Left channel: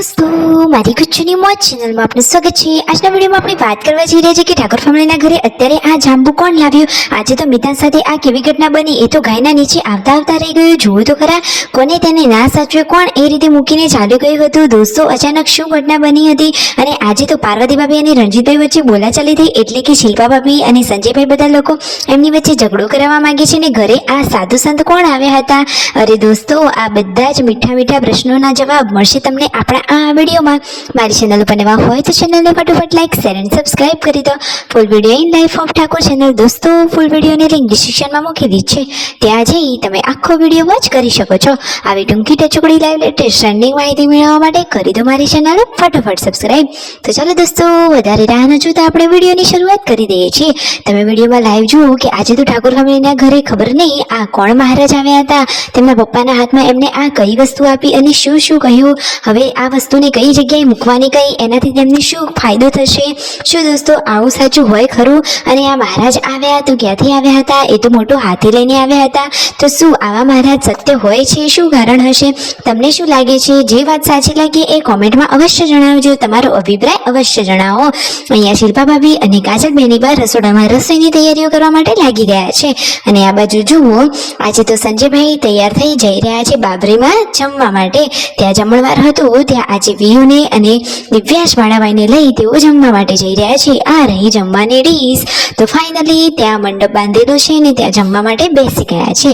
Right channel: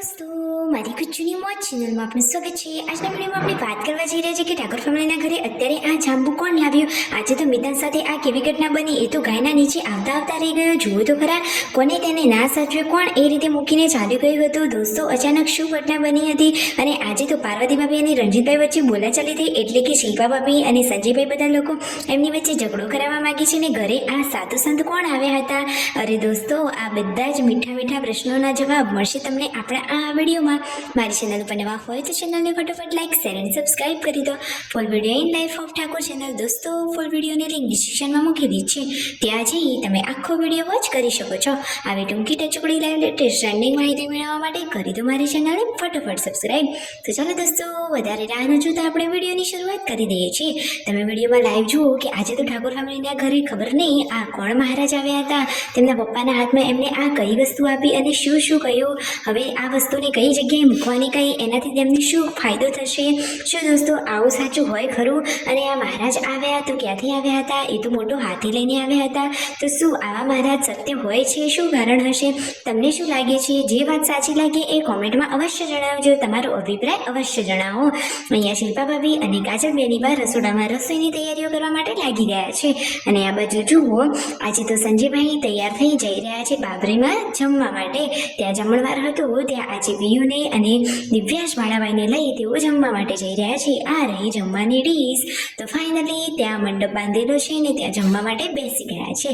दोस्तों मारी गुच्चूनी मौज चैनल में आपનું સ્વાગત છે। આજના વિડિયોમાં આપણે વાત કરવા જઈ રહ્યા છીએ કે ઠાકોર ફેમિલીના ઘરે અત્યારે આ જાંબુ કોણ લાવ્યું। આજે તો મિતાન સાથે આ કેવી ઘટના બની એ તો ગાયના નીચે આવતા આવતા રહી ગયો। જોયું તો ખરા કોને તેને ના સાચવે, કોણ એ રીતે મૂકીને ચાલી ગયું હતું। દોસ્તો અચાનક શું ઘટના બની હતી અને આજે તો પાર્વતી ભાભી અને રણજીતભાઈ વચ્ચે બોલાચાલી થઈ, એટલે કે શિલ્પા ભાભી અને સંજયભાઈ બધા લોકો એમની વચ્ચે ઝઘડો કરાવવા માંગે છે ને ઘરે આ સાધુ સંત કોણ આવ્યા હતા। અરે દોસ્તો આ બધા જ મીઠા મીઠા પ્રશ્નોના જવાબ મળશે તમને આપણા આ વિડીયોમાં। મારી ચેનલ ઉપર નવા હોય તો ચેનલને ફટાફટ લાઈક શેર અને સબસ્ક્રાઇબ કરી દો। Full video in life of Thakor channel દોસ્તો ફૂલ વિડીયોની લિંક ડિસ્ક્રિપ્શનમાં મૂકી દીધી છે, ત્યાં જઈ તમે આખો વિડીયો વોચ કરી શકો છો। આવી ટૂંકી ટચુકડી લાઈવ લેટેસ્ટ ટ્રેન્ડિંગ માહિતી મેળવવા માટે કરી દો મારી ચેનલ ફટાફટ સબસ્ક્રાઇબ। તો ચાલો દોસ્તો વધારે રાહ ન જોતા આપણે વિડીયોની શરૂઆત કરી દઈએ છીએ। તમે વિડીયોમાં લાઈવ જુઓ કે આજે તો ઠાકોર ફેમિલીના ઘરે ખબર નહીં આ કોણ મહારાજ આવ્યા હતા, તેમના પપ્પાના હાથમાં એમને આ કઈ વસ્તુ આપી અને શું શું કહ્યું, હવે આ વસ્તુને કઈ જગ્યાએ મૂકવાની કઈ, એનાથી તેમને શું ફાયદો થશે। શું દોસ્તો આવું સાચું હોય ખરું? અને આ મહારાજ આવ્યા તો ક્યાંથી આવ્યા હતા? એ તો મોટો હાથી લઈને આવ્યા હતા, તો શું આવા મહારાજ સત્ય હોય છે? શું કારણ હશે? તમને શું લાગે છે? જે વાત સાચી લાગે એ કોમેન્ટમાં અવશ્ય જણાવજો, તમારો અભિપ્રાય અવશ્ય જણાવો। અહીંયા શિલ્પા ભાભી અને કાજલ બેની બા રસોડામાં રસોઈની તૈયારીઓ કરવા માટે લાગી ગયા છે અને આ બાજુ જુઓ આજે તો સંજયભાઈ તૈયાર થઈ જઈ રહ્યા છે બાબરીમાં જમવા માટે। ત્યાં જમણવાર હતું, ત્યાં આજે વિયુને અને દિવ્યાશ વાળાભાઈને લઈ તેઓ જમવા માટે જઈ રહ્યા છે। આ રહી જમવાની ડીશ। તો ફાઇનલી ત્યાં મંડપ બાંધેલો છે ને ત્યાં જમવા માટે બેસી ગયા છે,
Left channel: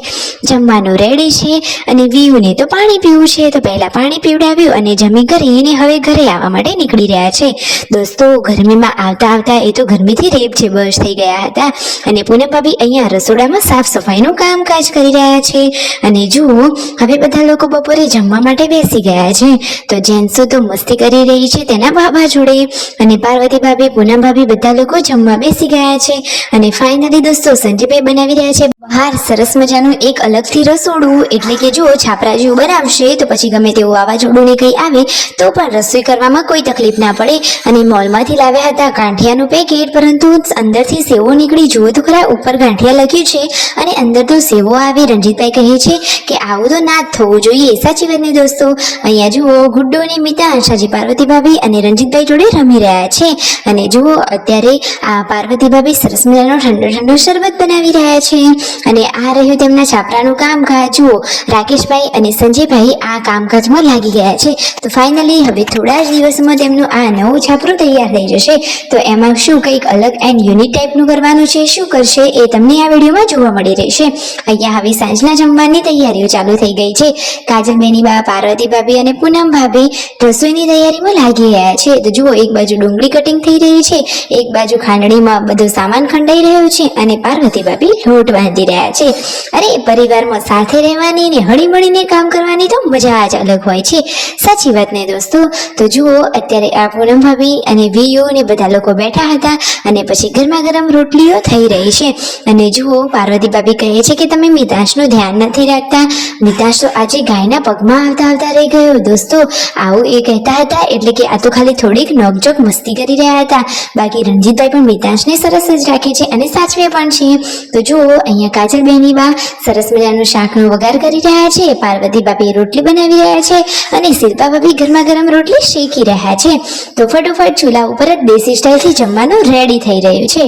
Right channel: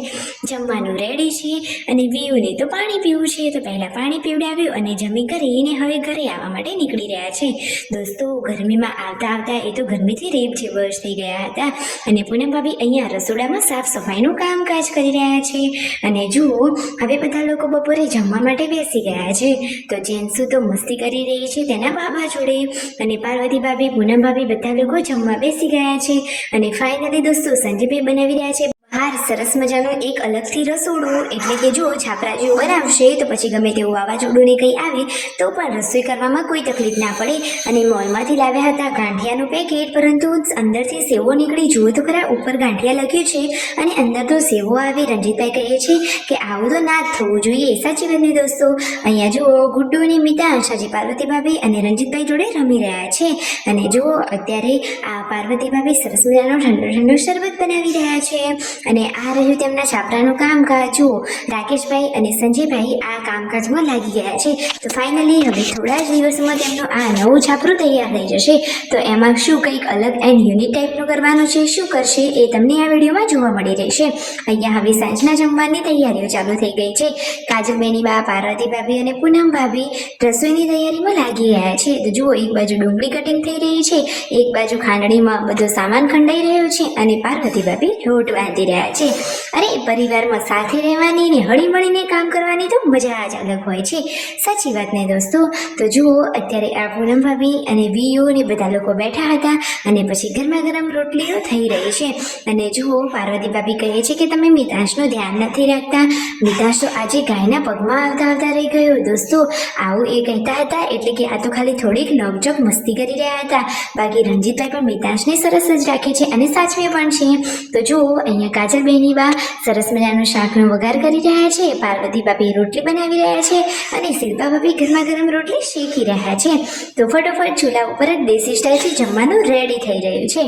જમવાનું રેડી છે અને વિયુને તો પાણી પીવું છે, તો પહેલા પાણી પીવડાવ્યું અને જમી કરીને હવે ઘરે આવવા માટે નીકળી રહ્યા છે। દોસ્તો ગરમીમાં આવતા આવતા એ તો ગરમીથી રેપ છે બસ થઈ ગયા હતા અને પૂનમ ભાભી અહીંયા રસોડામાં સાફ સફાઈનું કામકાજ કરી રહ્યા છે અને જુઓ હવે બધા લોકો બપોરે જમવા માટે બેસી ગયા છે। તો જેન્ટ્સો તો મસ્તી કરી રહી છે તેના બાબા જોડે અને પાર્વતી ભાભી પૂનમ ભાભી બધા લોકો જમવા બેસી ગયા છે અને ફાઇનલી દોસ્તો સંજયભાઈ બનાવી રહ્યા છે બહાર સરસ મજાનું એક અલગથી રસોડું, એટલે કે જો છાપરા જેવું બનાવશે તો પછી ગમે તેવું વાવાઝોડું ને કંઈ આવે તો પણ રસોઈ કરવામાં કોઈ તકલીફ ના પડે। અને મોલમાંથી લાવ્યા હતા ગાંઠિયાનું પેકેટ, પરંતુ અંદરથી સેવો નીકળી, જુઓ તો ખરા ઉપર ગાંઠિયા લખ્યું છે અને અંદર તો સેવો આવે। રણજીતભાઈ કહે છે કે આવું તો ના જ થવું જોઈએ, સાચી વાત ને દોસ્તો। અહીંયા જુઓ ગુડ્ડો અને મિતાંશ આજે પાર્વતી ભાભી અને રણજીતભાઈ જોડે રમી રહ્યા છે અને જુઓ અત્યારે આ પાર્વતી ભાભી સરસ મજાનો ઠંડો ઠંડો શરબત બનાવી રહ્યા છે અને આ રહ્યું તેમના છાપરાનું કામકાજ। જુઓ રાકેશભાઈ અને સંજયભાઈ આ કામકાજમાં લાગી ગયા છે। તો ફાઇનલી હવે થોડા જ દિવસમાં તેમનું આ નવું છાપરું તૈયાર થઈ જશે, તો એમાં શું કંઈક અલગ એન્ડ યુનિક ટાઈપનું કરવાનું છે, શું કરશે એ તમને આ વિડીયોમાં જોવા મળી રહેશે। અહીંયા હવે સાંજના જમવાની તૈયારીઓ ચાલુ થઈ ગઈ છે। કાજલ બેની બા, પાર્વતી ભાભી અને પૂનમ ભાભી રસોઈની તૈયારીમાં લાગી ગયા છે। તો જુઓ એક બાજુ ડુંગળી કટિંગ થઈ રહી છે, એક બાજુ ખાંડણીમાં બધું સામાન ખંડાઈ રહ્યો છે અને પાર્વતી ભાભી લોટ બાંધી રહ્યા છે। અરે પરિવારમાં સાથે રહેવાની ને હળી મળીને કામ કરવાની તો મજા જ અલગ હોય છે, સાચી વાત ને દોસ્તો। તો જુઓ અત્યારે આ પૂનમ ભાભી અને વિયુ ને બધા લોકો બેઠા હતા અને પછી ગરમા ગરમ રોટલીઓ થઈ રહી છે અને જુઓ પાર્વતી ભાભી કહે છે કે તમે મિતાંશનું ધ્યાન નથી રાખતા। મિતાંશ તો આજે ગાયના પગમાં આવતા આવતા રહી ગયો। દોસ્તો આવું એ કહેતા હતા એટલે કે આ તો ખાલી થોડીક નોકઝોક મસ્તી કરી રહ્યા હતા, બાકી રણજીતભાઈ પણ મિતાંશને સરસ જ રાખે છે અને સાચવે પણ છે। તો જુઓ અહીંયા કાજલ બેની બા સરસ મજાનું શાકનો વઘાર કરી રહ્યા છે, પાર્વતી ભાભી રોટલી બનાવી રહ્યા છે અને શિલ્પા ભાભી ગરમા ગરમ રોટલી શેકી રહ્યા છે। તો ફટોફટ ચૂલા ઉપર જ દેશી સ્ટાઇલથી જમવાનું રેડી થઈ રહ્યું છે।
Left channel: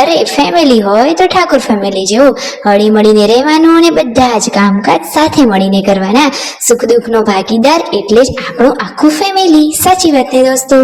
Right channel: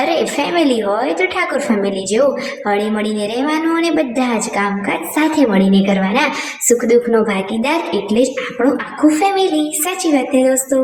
અરે ફેમિલી હોય તો ઠાકોર ફેમિલી જેવું હળી મળીને રહેવાનું અને બધા જ કામકાજ સાથે મળીને કરવાના। સુખ દુઃખનો ભાગીદાર એટલે જ આપણું આખું ફેમિલી, સાચી વાત ને દોસ્તો।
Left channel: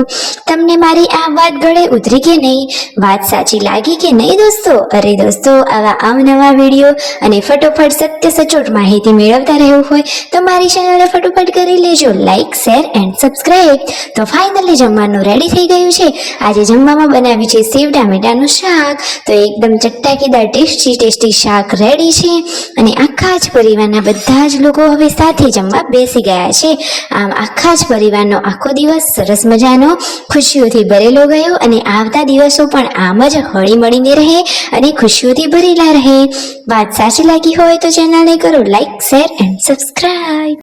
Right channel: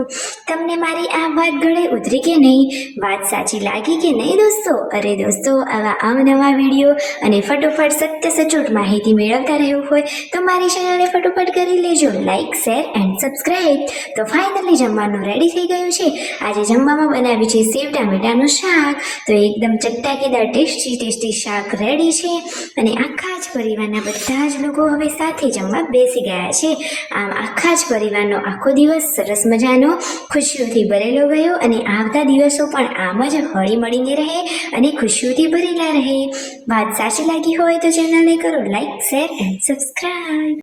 તમને મારી આ વાત ગળે ઉતરી કે નહીં? વાત સાચી લાગી કે નહીં દોસ્તો? અરે દોસ્તો આવા અવનવા વિડીયો અને ફટોફટ સત્ય સચોટ માહિતી મેળવતા રહેવું હોય તો મારી ચેનલને ફટોફટ કરી લેજો લાઈક શેર એન્ડ સબસ્ક્રાઇબ। તો ફાઇનલી જમવાનું રેડી થઈ ગયું છે। આજે જમવામાં બનાવ્યું છે સેવ ટામેટાનું શાક, તો એકદમ ચટાકેદાર ટેસ્ટી શાક રેડી છે અને આખા જ પરિવારના બધા જ લોકો હવે સાથે જમવા બેસી ગયા છે। આમ આખા જ પરિવારનો આખો દિવસ સરસ મજાનો ખુશીઓથી ભરેલો ગયો અને આવતા દિવસો પણ આમ જ હળી મળીને રહે અને ખુશીઓથી ભરેલા રહે। વાત સાચી લાગી હોય તો ચેનલને કરો લાઈક શેર એન્ડ સબસ્ક્રાઇબ।